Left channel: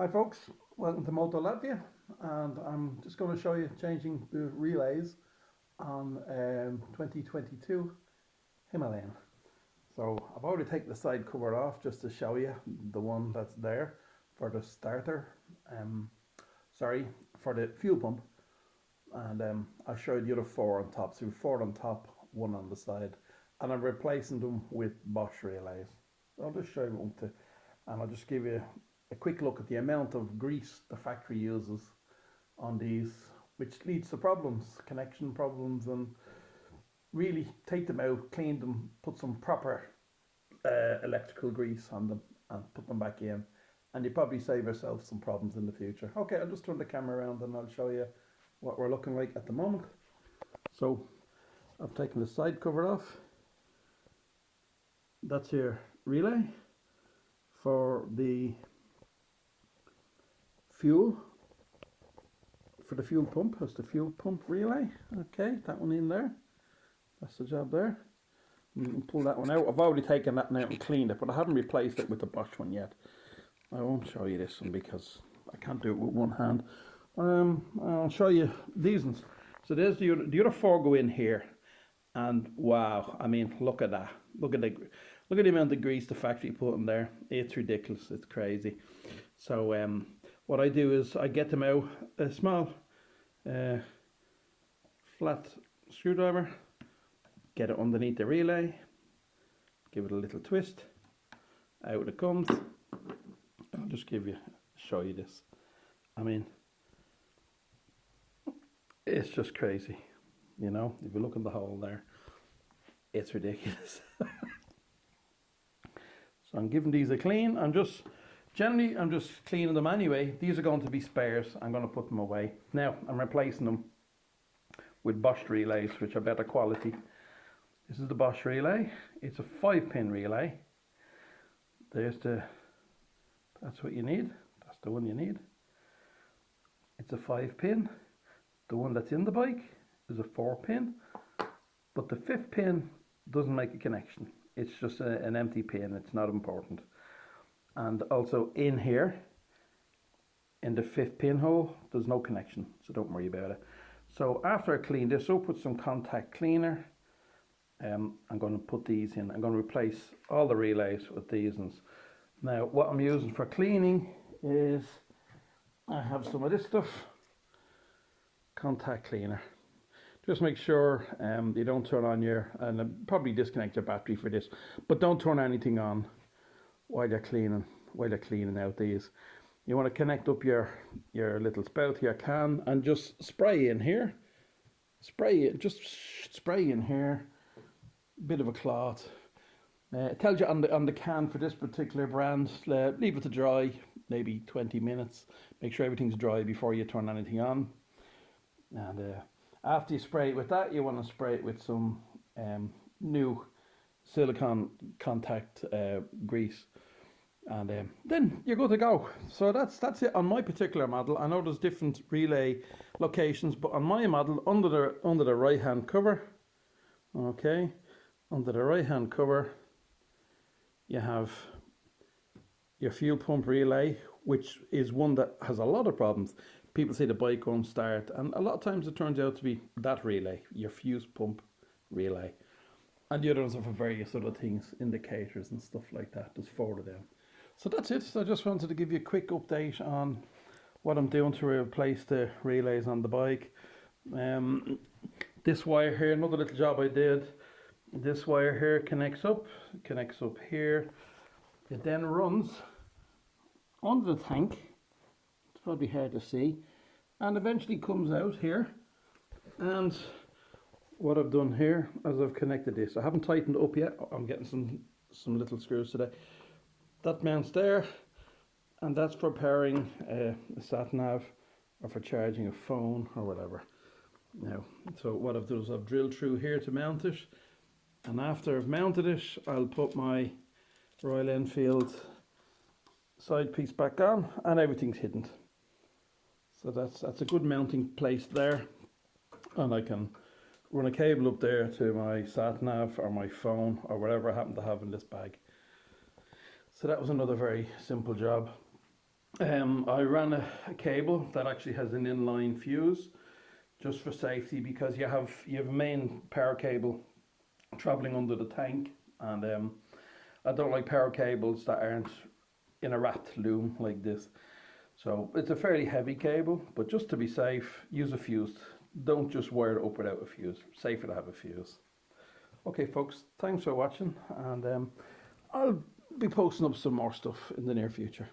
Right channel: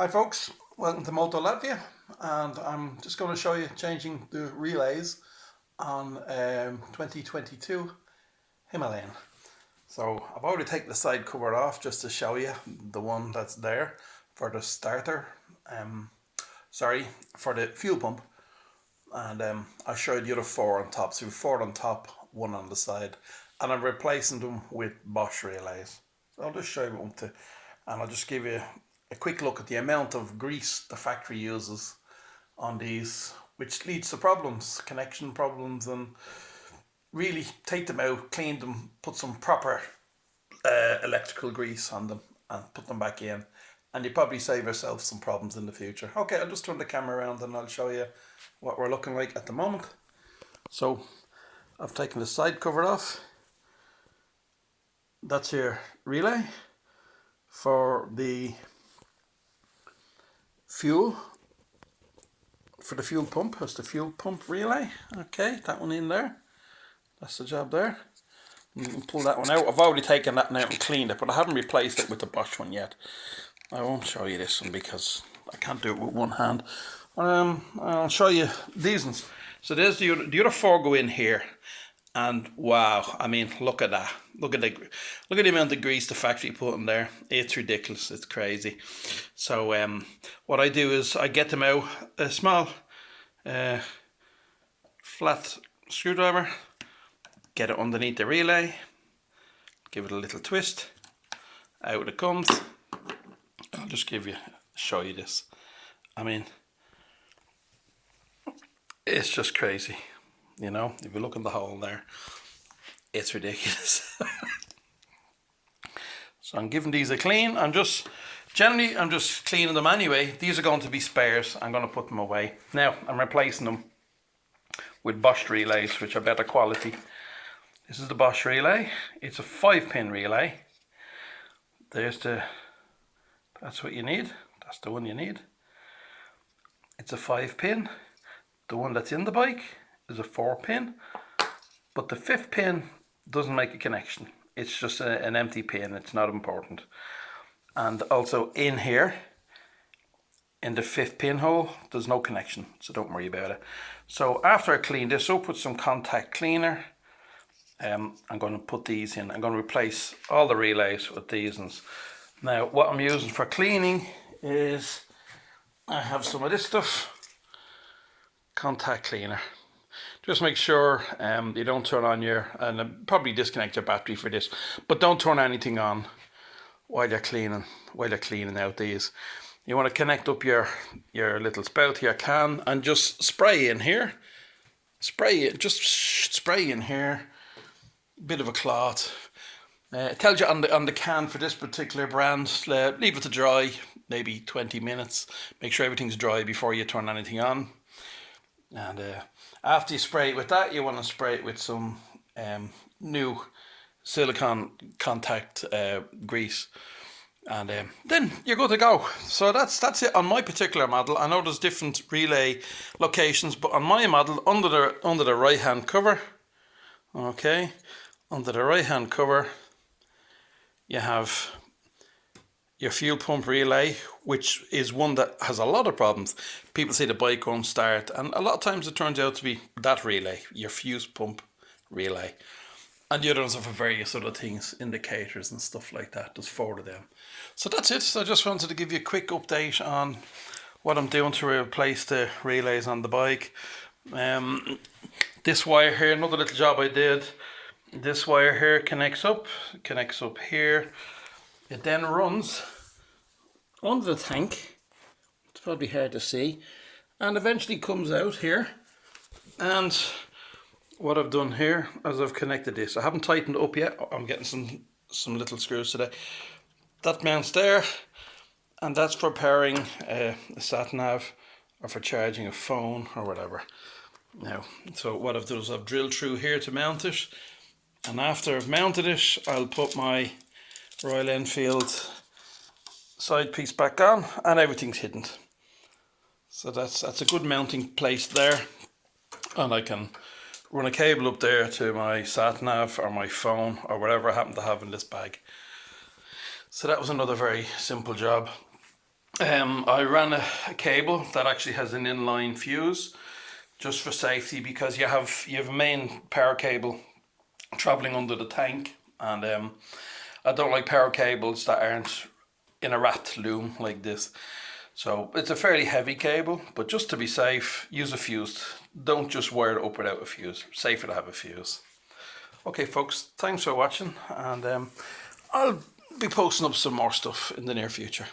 Hi folks, welcome to Moto Latvia, and I'm just going to show you changing the relays on 2022 Himalayan. So I've already taken the side cover off just to show you the one that's there for the starter, for the fuel pump, and I'll show you the other four on top. So 4 on top, 1 on the side, and I'm replacing them with Bosch relays. So I'll just show you one to, and I'll just give you a quick look at the amount of grease the factory uses on these, which leads to problems, connection problems, and really take them out, clean them, put some proper electrical grease on them and put them back in, and you probably save yourself some problems in the future. Okay, I'll just turn the camera around and I'll show you what we're looking like at the moment. So I've taken the side cover off. That's your relay for the fuel, for the fuel pump. That's the fuel pump relay. Okay, that one in there. That's the job there. You can pull that one out. I've already taken that out and cleaned it, but I haven't replaced it with the Bosch one yet. I won't show you this one because I can't do it with one hand. I'll show you these ones. So there's the other four go in here, and wow, I mean, look at that. Look at the amount of grease the factory put in there. It's ridiculous. It's crazy. So what I do is I get them out, a small flat screwdriver, get it underneath the relay, give it a little twist, out it comes. I'll just show you this. I mean, it's just crazy. You know, if you look in the hole there, it's ridiculous. So I'm giving these a clean. I'm just cleaning them anyway. These are going to be spares. I'm going to put them away. Now I'm replacing them with Bosch relays, which are better quality. This is the Bosch relay. It's a 5-pin relay. That's what you need. That's the one you need. It's a 5-pin. The one that's in the bike is a 4-pin, but the 5th pin doesn't make a connection. It's just an empty pin. It's not important. And also in here, in the 5th pin hole, there's no connection, so don't worry about it. So after I clean this up with some contact cleaner, I'm going to put these in. I'm going to replace all the relays with these ones. Now what I'm using for cleaning is, I have some of this stuff, contact cleaner. Just make sure you don't turn on and probably disconnect your battery for this, but don't turn anything on while you're cleaning out these. You want to connect up your little spout to your can and just spray in here. Just spray in here. Bit of a cloth. It tells you on the can for this particular brand, leave it to dry, maybe 20 minutes. Make sure everything's dry before you turn anything on. And after you spray it with that, you want to spray it with some new silicone contact grease, and then you're good to go. So that's it on my particular model. I know there's different relay locations, but on my model, under the right hand cover, okay, under the right hand cover, you have your fuel pump relay, which is one that has a lot of problems. People say the bike won't start, and a lot of times it turns out to be that relay, your fuse pump relay. And the others are for various other things, indicators and stuff like that. There's 4 of them. So that's it. So I just wanted to give you a quick update on what I'm doing to replace the relays on the bike. This wire here, another little job I did. This wire here connects up here. It then runs under the tank. It's probably hard to see, and eventually comes out here. And what I've done here is I've connected this. I haven't tightened it up yet. I'm getting some little screws today. That mounts there, and that's for powering a sat nav or for charging a phone or whatever. Now, so what I've done is I've drilled through here to mount it, and after I've mounted it, I'll put my Royal Enfield side piece back on, and everything's hidden. So that's a good mounting place there, and I can run a cable up there to my sat nav or my phone or whatever I happen to have in this bag. So that was another very simple job. I ran a cable that actually has an inline fuse, just for safety, because you have a main power cable traveling under the tank, and I don't like power cables that aren't in a rat loom like this. So it's a fairly heavy cable, but just to be safe, use a fuse. Don't just wire it up without a fuse. Safer to have a fuse. Okay, folks, thanks for watching, and I'll be posting up some more stuff in the near future.